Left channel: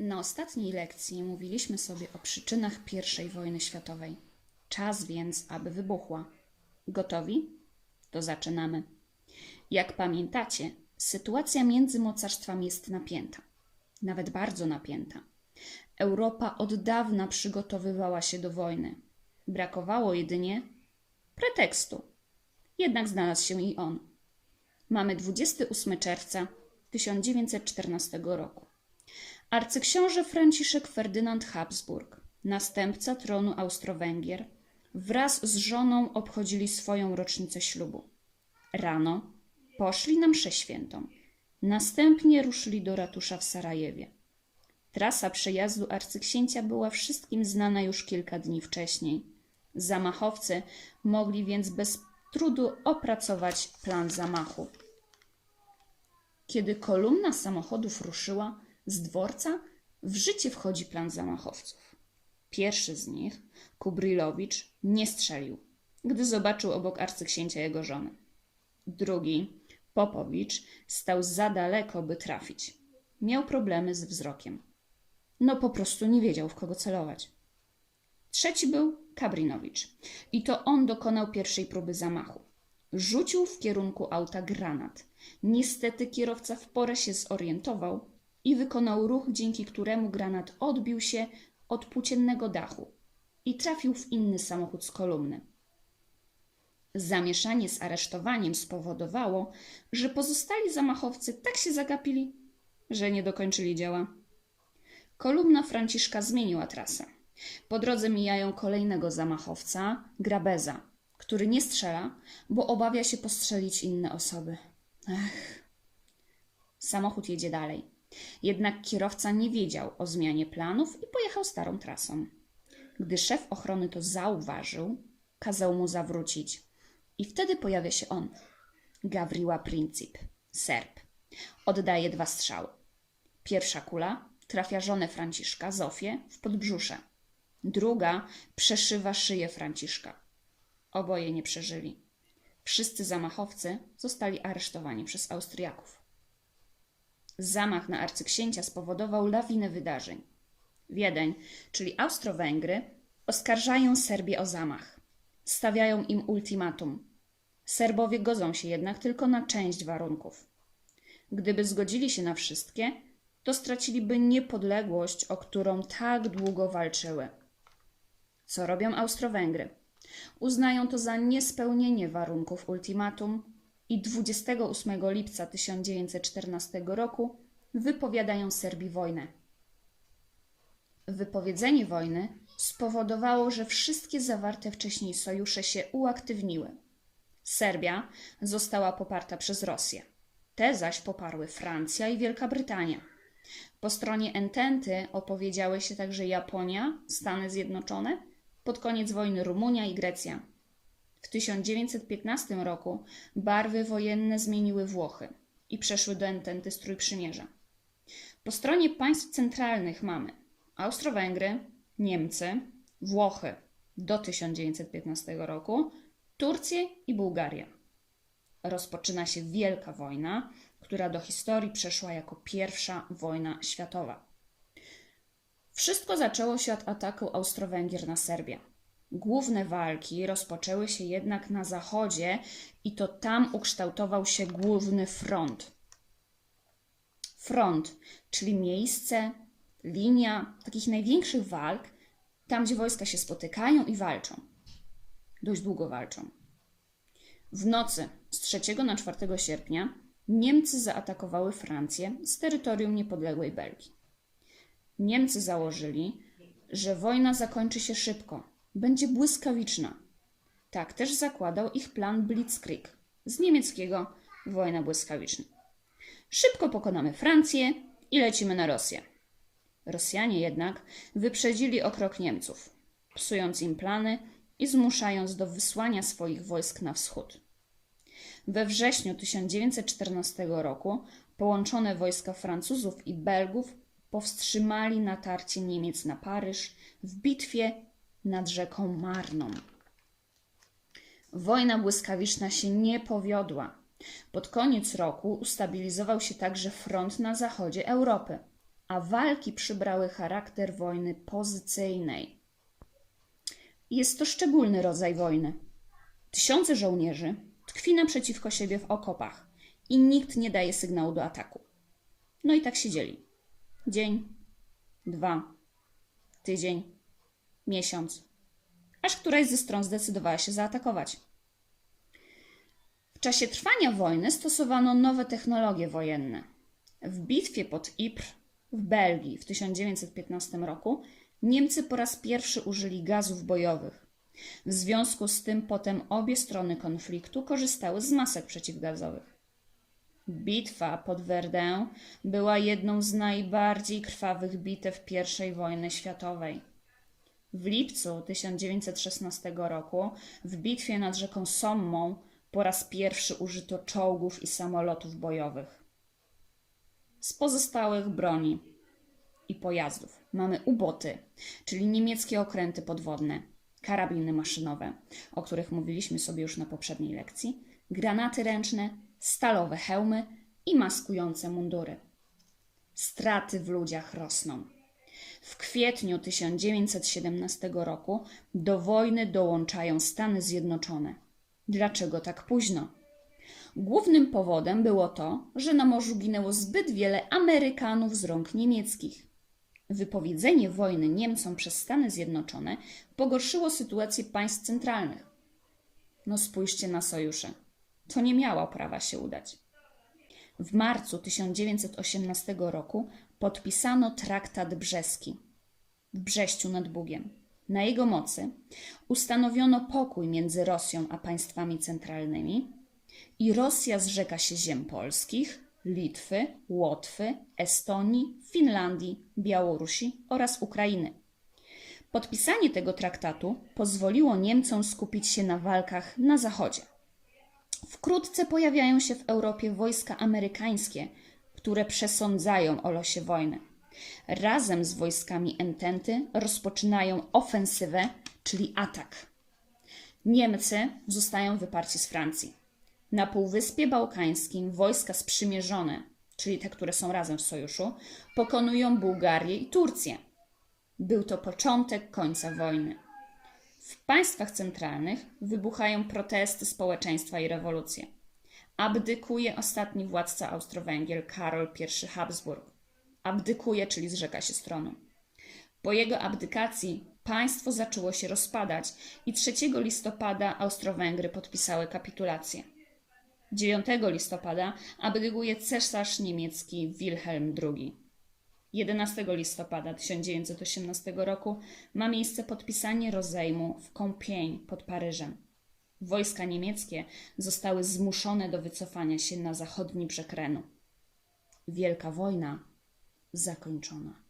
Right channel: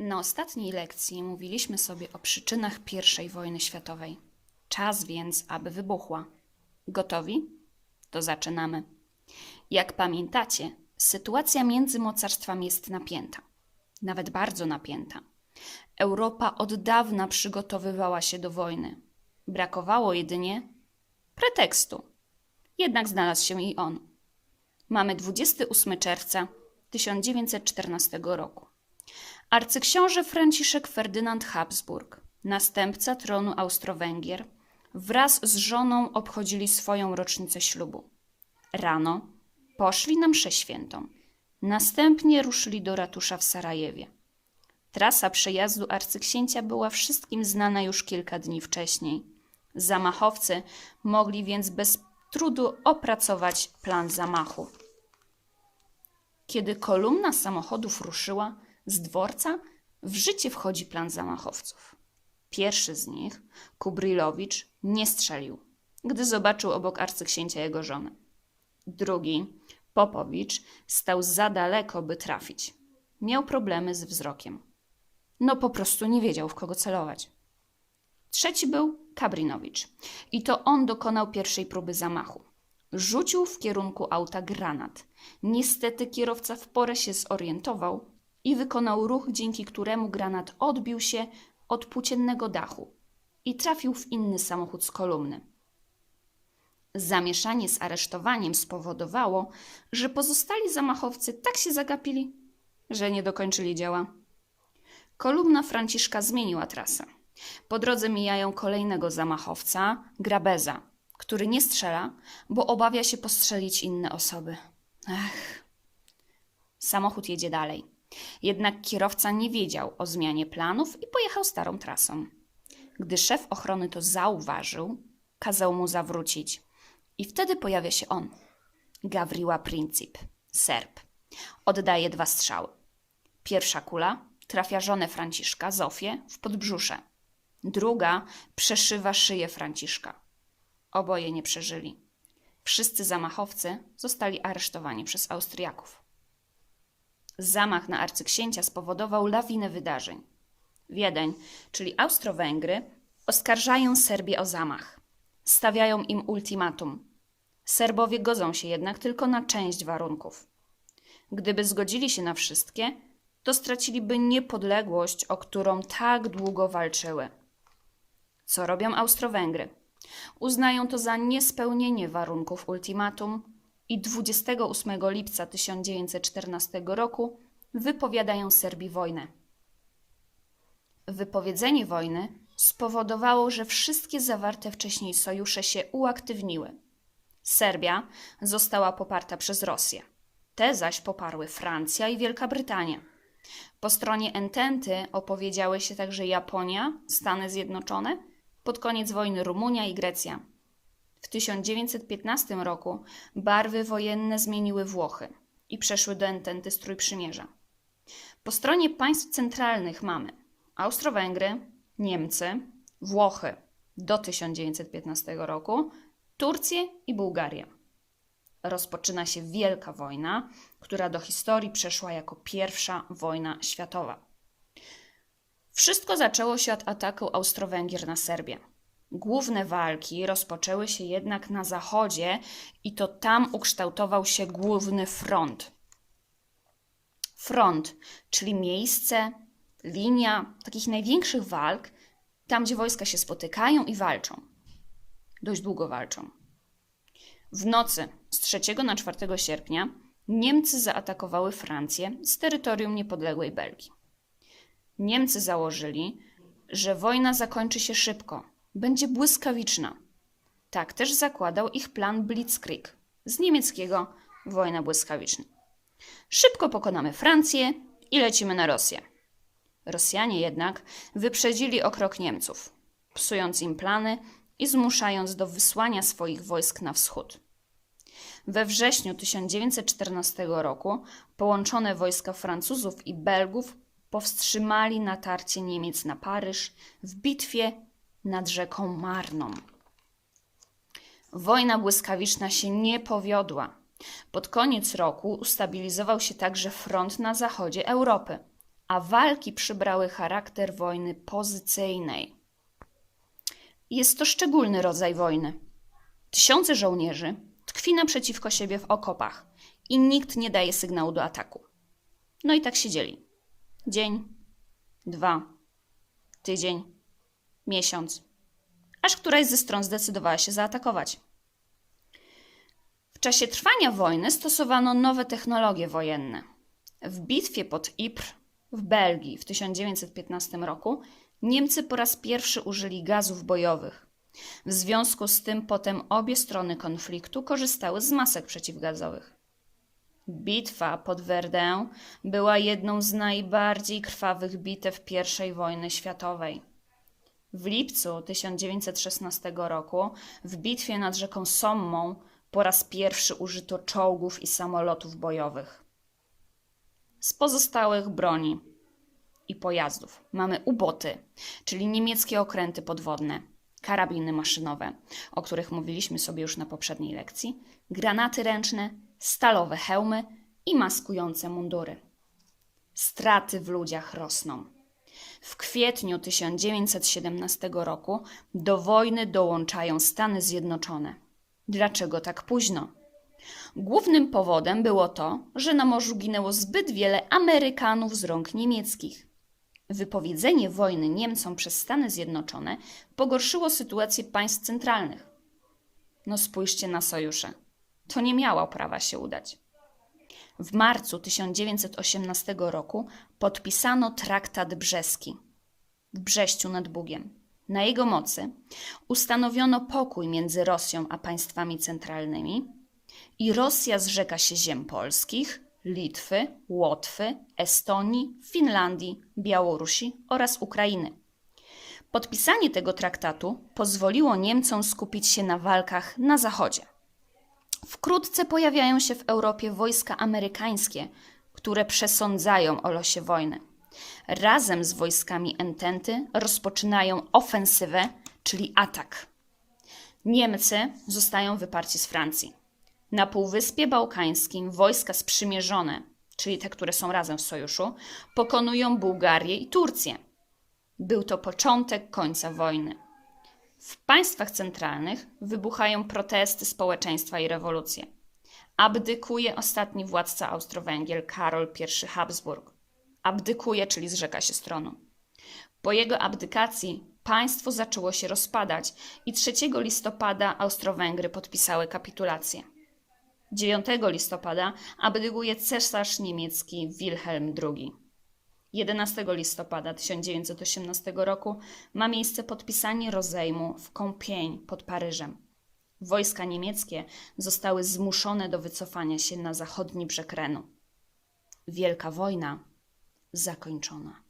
Na ostatniej lekcji mówiliśmy sobie o przyczynach I wojny światowej. Czas więc, aby wybuchła. Gotowi? To zaczynamy. Jak pamiętacie, sytuacja między mocarstwami jest napięta, nawet bardzo napięta. Europa od dawna przygotowywała się do wojny. Brakowało jedynie pretekstu. Jednak znalazł się i on. Mamy 28 czerwca 1914 roku. Arcyksiąże Franciszek Ferdynand Habsburg, następca tronu Austro-Węgier, wraz z żoną obchodzili swoją rocznicę ślubu. Rano poszli na mszę świętą. Następnie ruszyli do ratusza w Sarajewie. Trasa przejazdu arcyksięcia była wszystkim znana już kilka dni wcześniej. Zamachowcy mogli więc bez trudu opracować plan zamachu. Kiedy kolumna samochodów ruszyła, z dworca w życie wchodzi plan zamachowców. Pierwszy z nich, Kubrylowicz, nie strzelił, gdy zobaczył obok arcyksięcia jego żonę. Drugi, Popowicz, stał za daleko, by trafić. Miał problemy z wzrokiem. No po prostu nie wiedział, w kogo celować. Trzeci był Kabrinowicz i to on dokonał pierwszej próby zamachu. Rzucił w kierunku auta granat. Niestety kierowca w porę się zorientował i wykonał ruch, dzięki któremu granat odbił się od płóciennego dachu i trafił w inny samochód z kolumny. Zamieszanie z aresztowaniem spowodowało, że pozostali zamachowcy tak się zagapili, że nie dokończyli dzieła. Kolumna Franciszka zmieniła trasę. Po drodze mijają kolejnego zamachowca, Grabeza, który nie strzela, bo obawia się postrzelić inne osoby. Ech. Samochód jedzie dalej. Jednak kierowca nie wiedział o zmianie planów i pojechał starą trasą. Gdy szef ochrony to zauważył, kazał mu zawrócić. I wtedy pojawia się on. Gawriła Princip, Serb. Oddaje dwa strzały. Pierwsza kula trafia żonę Franciszka, Zofię, w podbrzusze. Druga przeszywa szyję Franciszka. Oboje nie przeżyli. Wszyscy zamachowcy zostali aresztowani przez Austriaków. Zamach na arcyksięcia spowodował lawinę wydarzeń. Wiedeń, czyli Austro-Węgry, oskarżają Serbię o zamach. Stawiają im ultimatum. Serbowie godzą się jednak tylko na część warunków. Gdyby zgodzili się na wszystkie, to straciliby niepodległość, o którą tak długo walczyły. Co robią Austro-Węgry? Uznają to za niespełnienie warunków ultimatum i 28 lipca 1914 roku wypowiadają Serbii wojnę. Wypowiedzenie wojny spowodowało, że wszystkie zawarte wcześniej sojusze się uaktywniły. Serbia została poparta przez Rosję. Te zaś poparły Francja i Wielka Brytania. Po stronie Ententy opowiedziały się także Japonia, Stany Zjednoczone, pod koniec wojny Rumunia i Grecja. W 1915 roku barwy wojenne zmieniły Włochy i przeszły do Ententy strój przymierza. Po stronie państw centralnych mamy Austro-Węgry, Niemcy, Włochy do 1915 roku, Turcję i Bułgarię. Rozpoczyna się Wielka Wojna, która do historii przeszła jako pierwsza wojna światowa. Wszystko zaczęło się od ataku Austro-Węgier na Serbię. Główne walki rozpoczęły się jednak na zachodzie i to tam ukształtował się główny front. Front, czyli miejsce, linia takich największych walk, tam gdzie wojska się spotykają i walczą. Dość długo walczą. W nocy z 3 na 4 sierpnia Niemcy zaatakowały Francję z terytorium niepodległej Belgii. Niemcy założyli, że wojna zakończy się szybko, będzie błyskawiczna. Tak też zakładał ich plan Blitzkrieg, z niemieckiego wojna błyskawiczna. Szybko pokonamy Francję i lecimy na Rosję. Rosjanie jednak wyprzedzili o krok Niemców, psując im plany i zmuszając do wysłania swoich wojsk na wschód. We wrześniu 1914 roku połączone wojska Francuzów i Belgów powstrzymali natarcie Niemiec na Paryż w bitwie nad rzeką Marną. Wojna błyskawiczna się nie powiodła. Pod koniec roku ustabilizował się także front na zachodzie Europy, a walki przybrały charakter wojny pozycyjnej. Jest to szczególny rodzaj wojny. Tysiące żołnierzy tkwi naprzeciwko siebie w okopach i nikt nie daje sygnału do ataku. No i tak siedzieli. Dzień, dwa, tydzień, miesiąc, aż któraś ze stron zdecydowała się zaatakować. W czasie trwania wojny stosowano nowe technologie wojenne. W bitwie pod Ypres w Belgii w 1915 roku Niemcy po raz pierwszy użyli gazów bojowych. W związku z tym potem obie strony konfliktu korzystały z masek przeciwgazowych. Bitwa pod Verdun była jedną z najbardziej krwawych bitew I wojny światowej. W lipcu 1916 roku w bitwie nad rzeką Sommą po raz pierwszy użyto czołgów i samolotów bojowych. Z pozostałych broni i pojazdów mamy uboty, czyli niemieckie okręty podwodne, karabiny maszynowe, o których mówiliśmy sobie już na poprzedniej lekcji, granaty ręczne, stalowe hełmy i maskujące mundury. Straty w ludziach rosną. W kwietniu 1917 roku do wojny dołączają Stany Zjednoczone. Dlaczego tak późno? Głównym powodem było to, że na morzu ginęło zbyt wiele Amerykanów z rąk niemieckich. Wypowiedzenie wojny Niemcom przez Stany Zjednoczone pogorszyło sytuację państw centralnych. No spójrzcie na sojusze. To nie miało prawa się udać. W marcu 1918 roku podpisano traktat brzeski w Brześciu nad Bugiem. Na jego mocy ustanowiono pokój między Rosją a państwami centralnymi i Rosja zrzeka się ziem polskich, Litwy, Łotwy, Estonii, Finlandii, Białorusi oraz Ukrainy. Podpisanie tego traktatu pozwoliło Niemcom skupić się na walkach na zachodzie. Wkrótce pojawiają się w Europie wojska amerykańskie, które przesądzają o losie wojny. Razem z wojskami Ententy rozpoczynają ofensywę, czyli atak. Niemcy zostają wyparci z Francji. Na Półwyspie Bałkańskim wojska sprzymierzone, czyli te, które są razem w sojuszu, pokonują Bułgarię i Turcję. Był to początek końca wojny. W państwach centralnych wybuchają protesty społeczeństwa i rewolucje. Abdykuje ostatni władca Austro-Węgier Karol I Habsburg. Abdykuje, czyli zrzeka się stronu. Po jego abdykacji państwo zaczęło się rozpadać i 3 listopada Austro-Węgry podpisały kapitulację. 9 listopada abdykuje cesarz niemiecki Wilhelm II. 11 listopada 1918 roku ma miejsce podpisanie rozejmu w Compiègne pod Paryżem. Wojska niemieckie zostały zmuszone do wycofania się na zachodni brzeg Renu. Wielka wojna zakończona.